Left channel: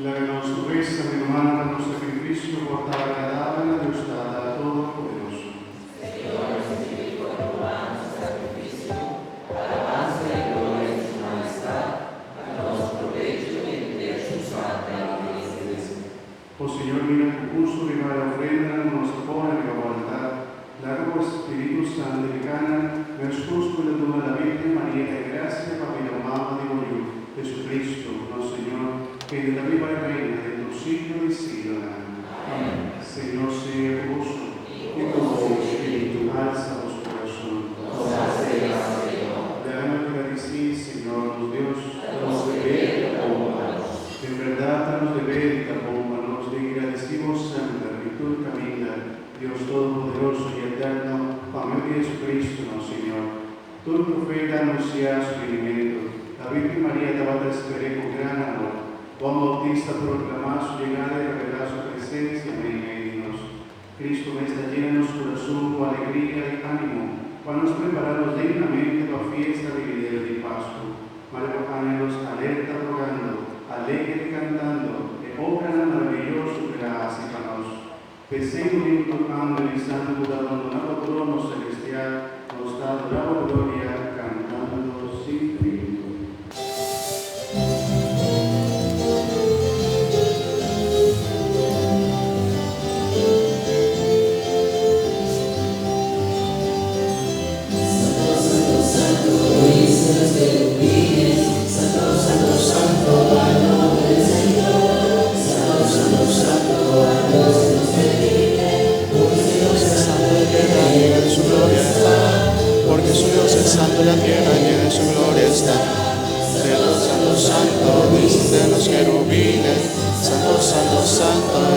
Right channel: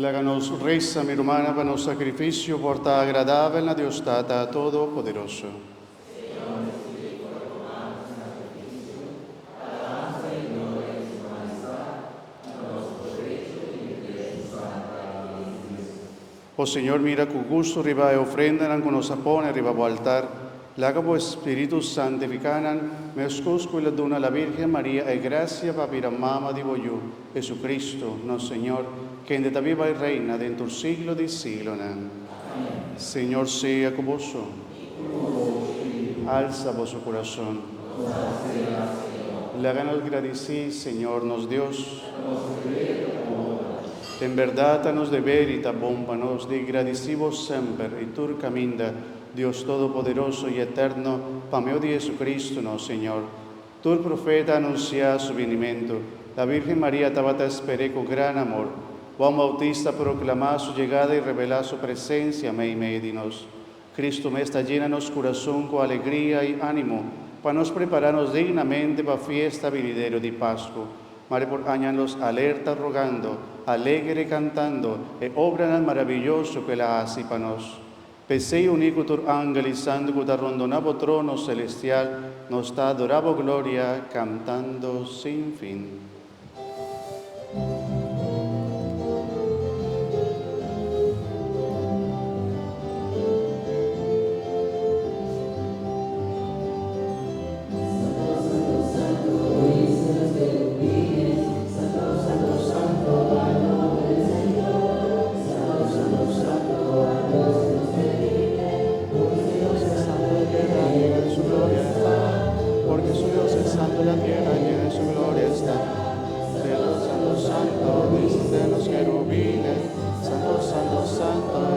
La nostra resa mi romana per nostro sacrificio porta agradabile a Dios Tata Todopoderoso. Oh Señor, mira con gusto riba e ofrenda con nos apone riba o altar, lágabo Espíritu Santificanan, me oscusco y le dona la Virgen María e gracia va vir a mama digo yo, Jesucristo, nuestro Señor, que en esta viva y reina dentro del siglo de siglo. Amén. Señor sea con vosotros. Y con vos, alza vuestro corazón. Le hagan agradecer, Señor, nos Dios, en verdad nos deber y tapómpanos, de agradecimos siempre, y tú caminda, Dios Todopoderoso y Eterno, para medio de Jesucristo, nuestro Señor. Tú, el profeta, anuncia su venimiento. La Virgen María te esperé con gran amor. Juan Bautista proclama su llegada y revela su presencia en medio de nos. Cristo me está llena nuestro corazón con alegría y ánimo, para nos prepararnos dignamente para fiesta venidero de Pascua. María acompañanos alerta rogando, alegre cantando, e obra el maravilloso que la hace para nos. Pesé un hijo tu ángel y santo guardarondo nuevo trono celestial, nos da adorable gloria, cantando sin fin. Santo la tierra llena de su gloria está. Santo, santo, santo, dicen los querubines. Santo, santo, santo,